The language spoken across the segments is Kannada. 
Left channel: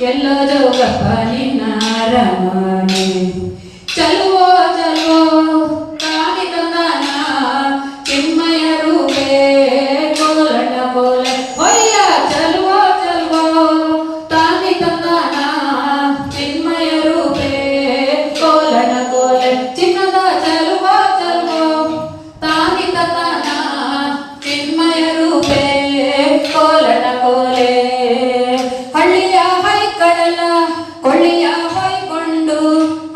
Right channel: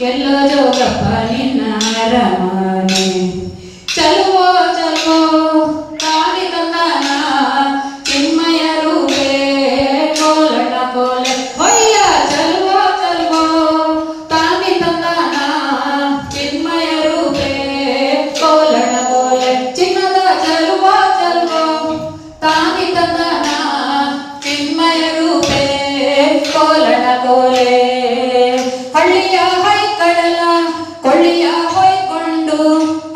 ಎಲ್ಲೋ ಜೋಗಪ್ಪ ನಿನ್ನ ರಮನೆ ಚಲುವೋ ಚಲುವೋ ಕಾಣಿ ತಂದಾನ ಚಿನ್ಮಯ ರೂಪೇ ಕೋಲಟ ಕೋಲೆ ಹೊಯ್ಯ ಚಲುವೋ ಚಲುವೋ ಕಾಣಿ ತಂದಾನ ಚಿನ್ಮಯ ರೂಪೇ ಕೋಲಟ ಕೋಲೆ ಚಿನ್ನದ ಚಲುವೋ ಚಲುವೋ ತಾನಿ ತಂದಾನ ಚಿನ್ಮಯ ರೂಪೇ ಕೋಲಟ ಕೋಲೆ ಹಳ್ಳಿಯ ಹೈಕಡಲ ಕೊಳ್ಳಿಯ ಹೊಯ್ಕೊಂಡು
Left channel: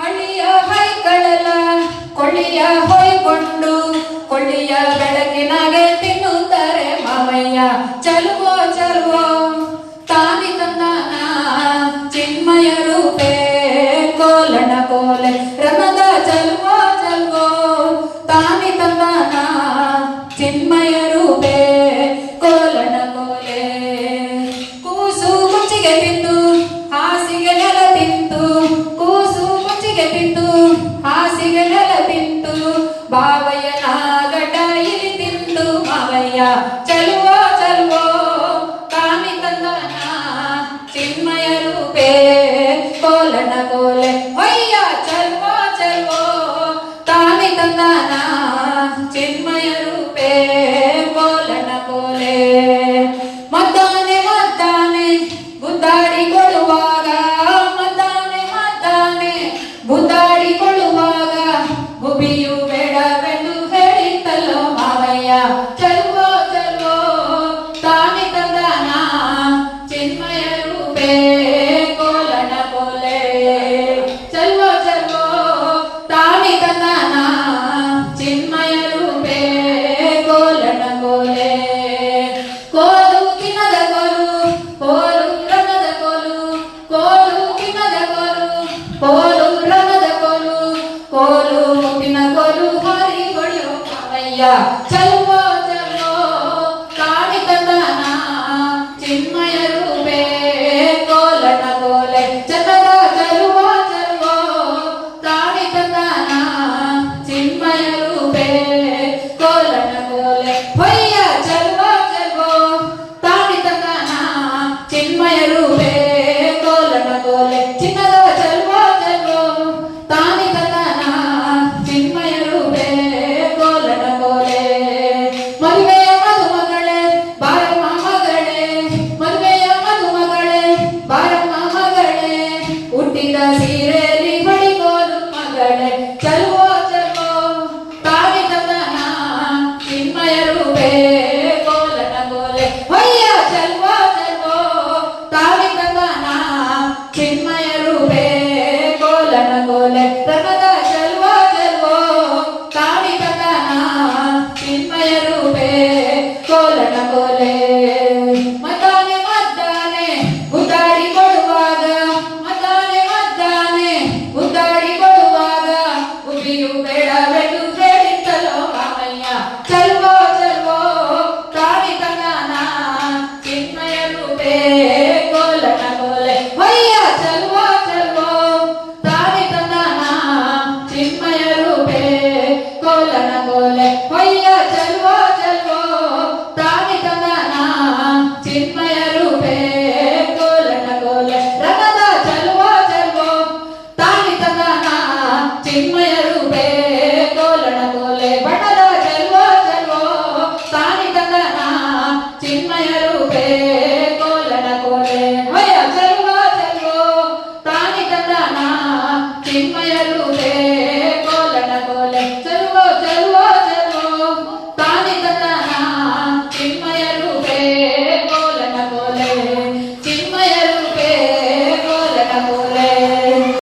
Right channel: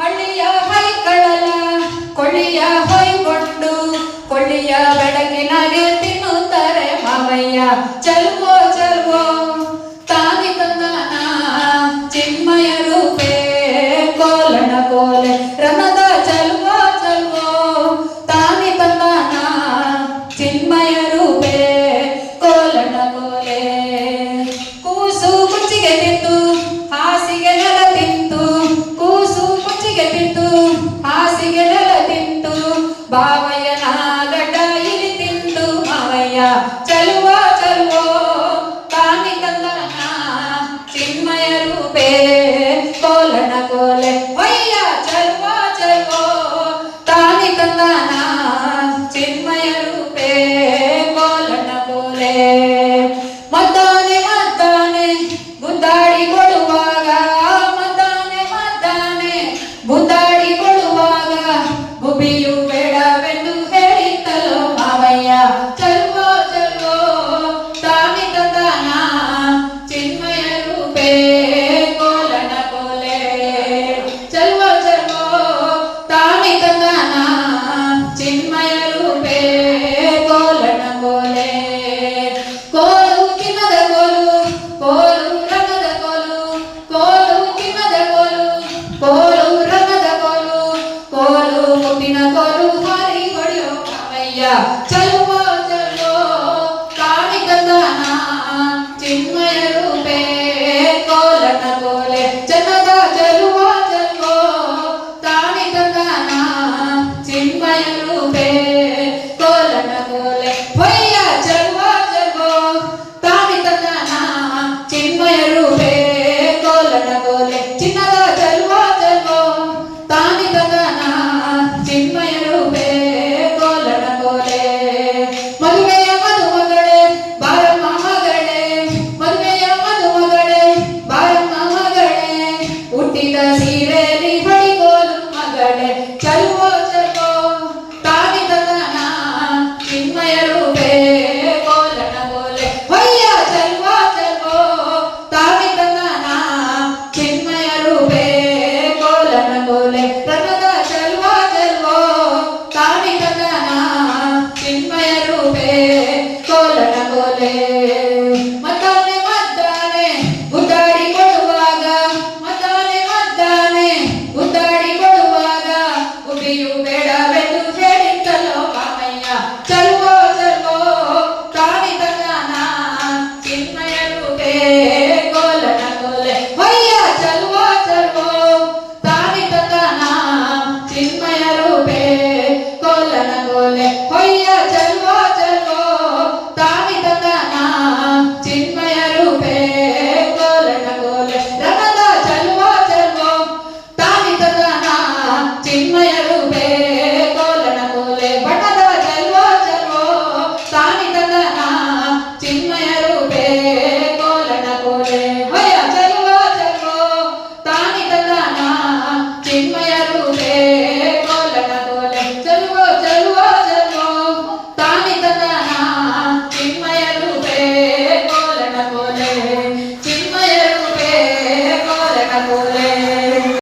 ಹಳ್ಳಿಯ ಹೈಕಡಲ ಕೊಳ್ಳಿಯ ಹೊಯ್ಕೊಂಡು ಕೊಳ್ಳಿಯ ಬೆಳಕಿನಾಗೆ ತಿನ್ನುತ್ತಾರೆ ಮಾವಯ್ಯ ಚಲುವೋ ಚಲುವೋ ತಾನಿ ತಂದಾನ ಚಿನ್ಮಯ ರೂಪೇ ಕೋಲಣ ಕೋಲೆ ರಮದ ಚಲುವೋ ಚಲುವೋ ತಾನಿ ತಂದಾನ ಚಿನ್ಮಯ ರೂಪೇ ಕೋಲಣ ಕೋಲೆ ಕೂಸು ಕುಚ್ಚಿಗೆ ತಿಂದು ಹಾಸಿಗೆ ನೆಲ ತಿಂತು ಕೂಸು ಕುಚ್ಚಿಗೆ ತಿಂದು ಹಾಸಿಗೆ ನೆಲ ತಿಂತು ಬಾವಯ್ಯನ ಗಡ್ಡ ಇಲ್ಲಿ ತಿಂದು ಮಾವಯ್ಯ ಚಲುವೋ ಚಲುವೋ ಕಾಮಿ ತಂದಾನ ಚಿನ್ಮಯ ರೂಪೇ ಕೋಲಣ ಕೋಲೆ ಹೊಯ್ಯ ಚಲುವೋ ಚಲುವೋ ತಾನಿ ತಂದಾನ ಚಿನ್ಮಯ ರೂಪೇ ಕೋಲಣ ಕೋಲೆ ಮದ್ದಾನೆ ಮದ್ದಾನೆ ಗುದ್ದಾಡಿ ಕೊಡುವಾಗ ಮದ್ದಾನೆ ಮದ್ದಾನೆ ಗುದ್ದಾಡಿ ಕೊಡುವಾಗ ಗುಬಿಯು ಬೇಡವೆಂದು ಹೇಳಿತ್ತಲ್ಲೋ ಮಾವಯ್ಯ ಚಲುವೋ ಚಲುವೋ ತಾನಿ ತಂದಾನ ಚಿನ್ಮಯ ರೂಪೇ ಕೋಲಣ ಕೋಲೆ ಚಲುವೋ ಚಲುವೋ ತಾನಿ ತಂದಾನ ಚಿನ್ಮಯ ರೂಪೇ ಕೋಲಣ ಕೋಲೆ ಕೋಲು ಕಿನ್ನದ ಕೋಲು ಕೋಲು ರಂಗದ ಕೋಲು ಕೋಲು ಕಿನ್ನದ ಕೋಲು ಕೋಲು